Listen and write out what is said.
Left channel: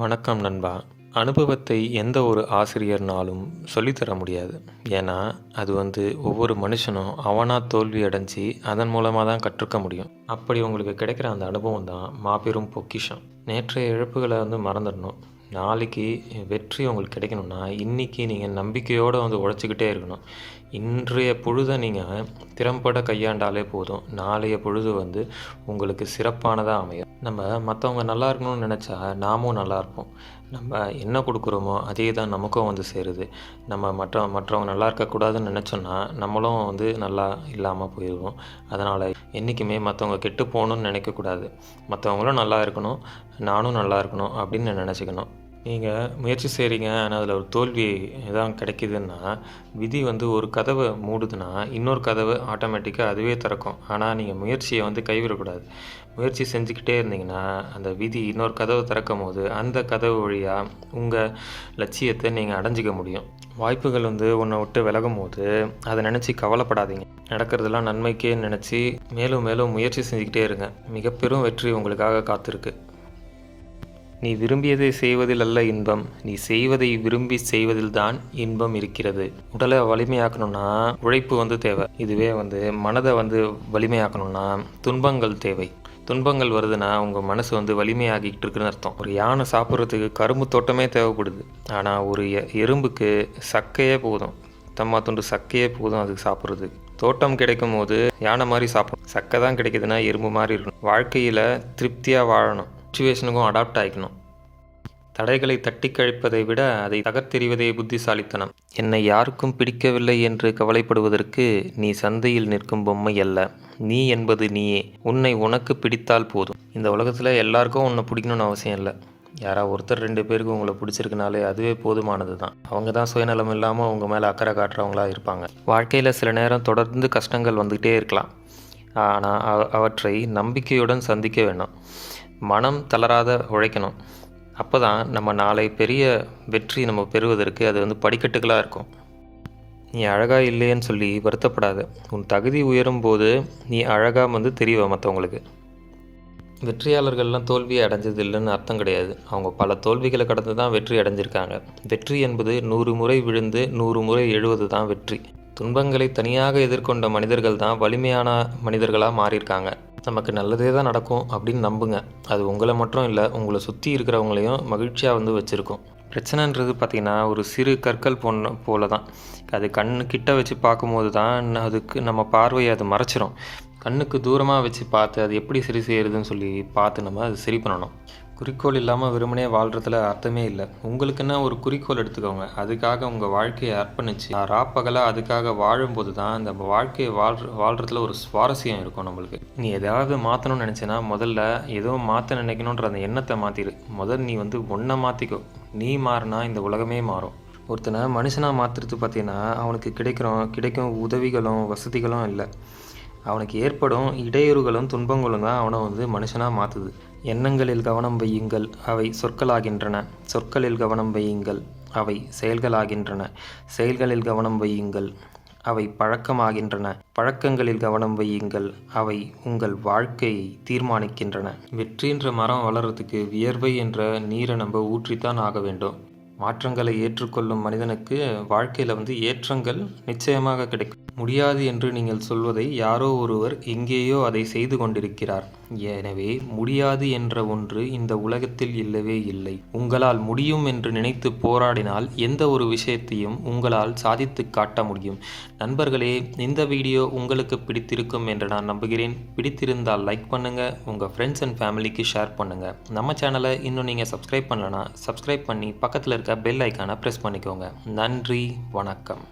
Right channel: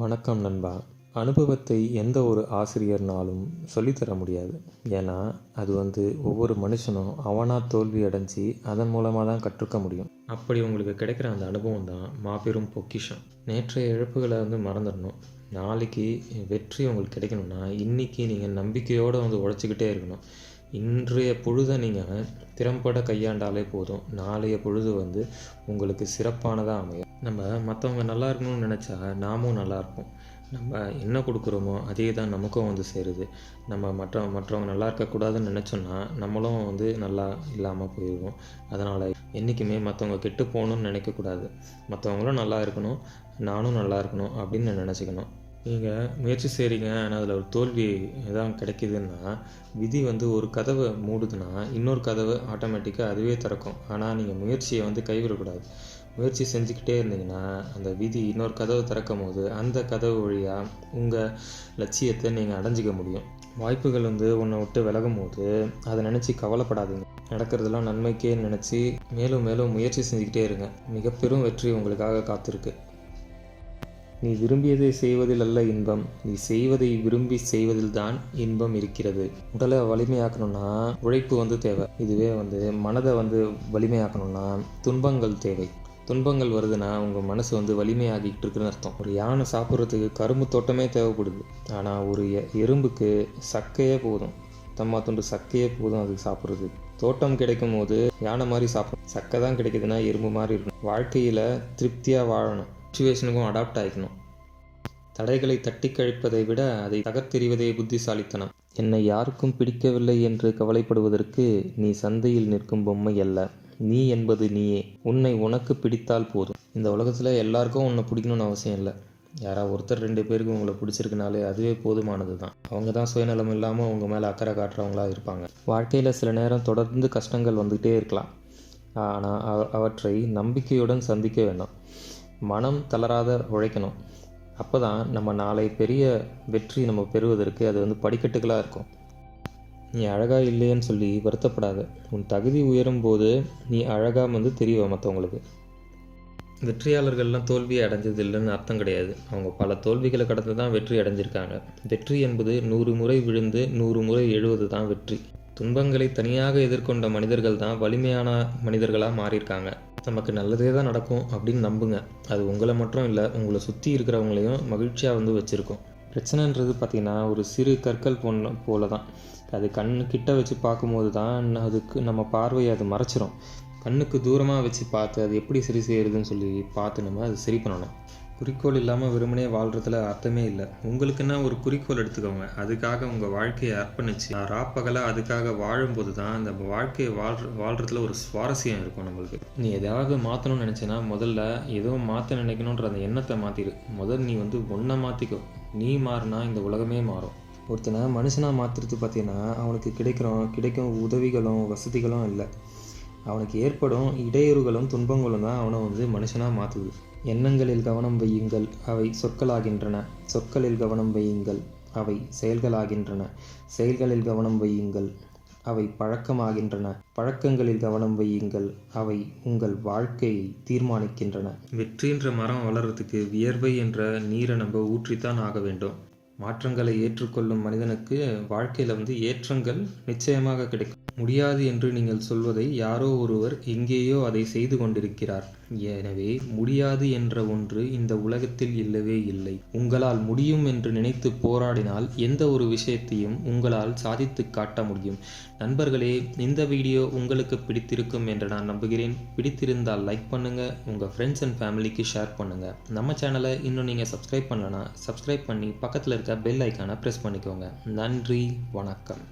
வணக்கம் நண்பா. அனுபவத்தை எந்த ஒரு ஆசிரியர்னாலும் சொல்லித்தர முடியாது. ஏன்னா, அது ஒவ்வொரு மனுஷனும் அவனா தோல்வி அடைஞ்சு, அதன் மூலமா தான் கற்றுக்க முடியும். அப்படி உங்களுக்கு கிடைக்கிற அந்த அனுபவம் தான் மாபெரும் பொக்கிஷம். நேற்றைய இழப்புகள மறந்துடணும். நாளைக்கு வெற்றி உங்களுக்கு கிடைக்கணும்னா, இன்னைக்கு நீங்க நம்பிக்கையோட உழைச்சுக்கிட்டே இருக்கணும். இன்றைய பொழுத நீங்க திறம்பட கையாண்டாலே போதும். நாளைய பொழுது உங்களுக்கு சிறப்பானதா அமையும். நம்ம மத்தவங்க நல்லா இருக்கணும்னு நெனச்சா, நாமும் நல்லா இருப்போம். நம்ம என்ன குடுக்குறோமோ, அதே தான் நமக்கும் சேருது. நம்ம மற்றவங்க நல்லா இருக்கக்கூடாதுன்னு நெனச்சோன்னா, நம்மளும் நல்லா இல்லாம போயிருவோம். அதனால என்னைக்குமே மத்தவங்க கெட்டு போணும்னு நெனைக்கக்கூடாது. மத்தவங்களும் நல்லா இருக்கணும், நானும் நல்லா இருக்கணும் அப்படின்னு நெனச்சுக்கணும். நீங்க முயற்சி செய்றீங்க. ஆனா, அதில ஒரு தோல்வி தான் கிடைக்குதுன்னா, விதி ஒரு கதவ மூடுதுன்னா, இன்னொரு கதவு ஆட்டோமேட்டிக்கா அதுவே திறக்கும். ஆனா, நீங்க முயற்சிய கைவிடக்கூடாது. முயற்சி செஞ்சுக்கிட்டே இருந்தீங்கன்னா, அந்த விதி இன்னொரு கதவ திறக்கும்போது, அந்த கதவு வழியா உங்க லட்சியத்த நீங்க அடைஞ்சுக்க முடியும். வாய்ப்புகள் உன்ன விட்டு விலகும்போது, அத நினச்சு கவலைப்படாதீங்க. நடக்கிறதெல்லாம் நன்மைக்கே நினச்சி, மேலும் மேலும் முயற்சி செஞ்சுக்கிட்டே இருங்க. மிகப்பெரும் வெற்றி உங்களுக்காக காத்திருக்கு. நீ விரும்பியதை செய்வதில் அல்ல இன்பம், நீ செய்வதை விரும்பி செய்வதில்தான் இன்பம் இருக்கிறது. உடலை வலிமையாக்கணும்னா உழைப்பு தேவை. இதுவே மனதை வலிமையாக்கணும்னா துன்பங்கள் தேவை. துன்பங்கள் வருதுன்னா உங்கள் மனசு வலிமையாகிக்கிட்டு இருக்குன்னு அர்த்தம். ஒரு யானை சாப்பிட்றதுக்கு கரும்பு தோட்டமே தேவைப்படுது. ஆனால் ஒரு எறும்புக்கு சக்கையே போதும். தம்மா துண்டு சக்கையே போதும் அதுக்கு சாப்பிட்றது. தோட்டம் கிடைக்கும் போது யானை மாதிரி சாப்பிடும். சக்கை தான் கிடைக்குதுன்னா எறும்பு மாதிரி இருக்கணும். வாழ்க்கையில் திருப்தியாக வாழணும். சுச்சுவேஷனுக்கும் அடாப்ட் ஆகிக்கணும். தடைகளை தட்டி கழிப்பதை விட அதை தகர்த்தெறிவதே புத்திசாலித்தனம். என்னை யாருக்கும் பிடிக்கவில்லை என்று கவலைப்படுவதற்கு நீ சந்தையில் நிற்கும் பொம்மை அல்ல. நீ என்பது நீயே. உன்னை உனக்கு பிடித்தால் போதும். இந்த உலகத்தில் எல்லாருக்கும் உன்னை பிடிக்கணும்னு அவசியம் இல்லை. யாராவது ஒருத்தர் 2 பேருக்கு உங்களை பிடிச்சிருக்குனாலே அதுவே போதுமானது தான். அவங்க தான் சுயநலம் இல்லாமல் உங்கள் மேலே அக்கறை காட்டுறவங்களா இருப்பாங்க. வாழ்க்கையில் சில நேரம் தொடர்ந்து கஷ்டங்கள் வந்துகிட்டே இருக்கலாம். ஆனால் அவற்றை நம்பிக்கையுடன் சந்திக்க வேணும். மனம் தளராத உழைக்கணும். அப்போ தான் நம்ம நாளை பெரிய வெற்றி நம்ம பெறுவதற்கு அது படிக்கட்டுகளாக இருக்கும். நீ அழகாக இல்லைன்னு சொல்லி வருத்தப்படாத. உன் தகுதி உயரும் போது நீ அழகாக தெரிவ மற்றவங்களுக்கு. வெற்றியாளர்கள்லாம் தோல்வியை அடைஞ்சது இல்லைன்னு அர்த்தம் கிடையாது. அவங்க பல தோல்விகளை கடந்து தான் வெற்றி அடைஞ்சிருக்காங்க. வெற்றி என்பது 100 முறை விழுந்து 100 முறை எழுவது தான் வெற்றி. துன்பங்களை தனியாக எதிர்கொண்ட மனிதர்கள் தான் வலிமையான மனிதர்களாக மாறியிருக்காங்க. நமக்கு நல்லதே தான் நடக்கும் அப்படின்னு நம்புங்க. அது உங்களை மட்டும் இல்லை, உங்களை சுற்றி இருக்கிறவங்களையும் மகிழ்ச்சியாக வச்சுருக்கும். பிரச்சனைன்றது பார்த்திங்கன்னா ஒரு சிறு கற்கள் போல தான். அது கிட்ட வச்சு பார்க்கும்போது தான் அதுக்கு நம்ம பார்வையை அது மறைச்சிரும். கண்ணுக்கு தூரமாக வச்சு பார்த்து அது எப்படி சரி செய்கிறதுன்னு சொல்லி பார்த்து நம்ம அது சரி பண்ணணும். குறிக்கோள் இல்லாமல் வெறுமனே வாழ்கிறதுல அர்த்தமே இல்லை. உங்களுக்குன்னா ஒரு குறிக்கோள் எடுத்துக்கோங்க. அதுக்காக உங்கள் வாழ்க்கையை அர்ப்பணிச்சு ராப்பகலாக அதுக்காக வாழும்போது தான் அந்த வாழ்க்கையை வாழ்கிறதுல ஒரு சுவாரஸ்யம் இருக்கும் நம்மளுக்கு. நீ எதாவது மாற்றணும்னு நினச்சேன்னா முதல்ல ஏதோ மாற்ற நினைக்கணுன்ற அந்த எண்ணத்தை மாற்றிடு. நீ ஒன்றை மாற்றிக்கோ. நீ மாறினா இந்த உலகமே மாறும். ஒருத்தனை மனுஷனாக மாற்றுறது பார்த்தீங்கன்னா அவனுக்கு கிடைக்கும் உதவிகளும் வசதிகளும் இல்லை. அவனுக்கு ஏற்படும் இடையூறுகளும் துன்பங்களும் தான் அவனை மனுஷனாக மாற்றுது. எண்ணங்களில் கவனம் வையுங்கள், அவை சொற்களாகின்றன. சொற்களில் கவனம் வையுங்கள், அவை செயல்களாகின்றன. செயல்களில் கவனம் வையுங்கள், அவை பழக்கமாகின்றன. பழக்கங்களில் கவனம் வையுங்கள், அவை உங்கள் வாழ்க்கையை தீர்மானிக்கின்றன. வெற்றின்ற மரம் வளர்கிறதுக்கு வியர்வை என்ற நீரை நம்ம ஊற்றித்தான் ஆக வேண்டும். மாற்றங்களை ஏற்றுக்கொள்ளும் மனிதனுக்கு வாழ்க்கையில் ஏற்றங்கள் நிச்சயமாக கிடைக்கும். முடியாது என்று நீங்கள் சொல்வதை யாரோ ஒருவர் எங்கேயோ அதை செய்து கொண்டிருக்கிறார். எனவே முடியாது என்ற ஒன்று இந்த உலகத்தில் இல்லவே இல்லை. உங்களால் முடியும் என்று நினைத்து போராடினால் எந்த ஒரு விஷயத்தையும் உங்களால் சாதித்து காட்ட முடியும். நண்பர்களே, இந்த வீடியோ உங்களுக்கு பிடித்திருக்கும் என்று நான் நம்புகிறேன். பிடித்திருந்தால் லைக் பண்ணுங்க, உங்க ஃப்ரெண்ட்ஸ் அண்ட் ஃபேமிலிக்கு ஷேர் பண்ணுங்க. நம்ம சேனலை இன்னும் நீங்க சப்ஸ்கிரைப் பண்ணலனா சப்ஸ்கிரைப் பண்ணி பக்கத்தில் இருக்க பெல் ஐக்கானை பிரஸ் பண்ணிக்கோங்க. நன்றி, வணக்கம்.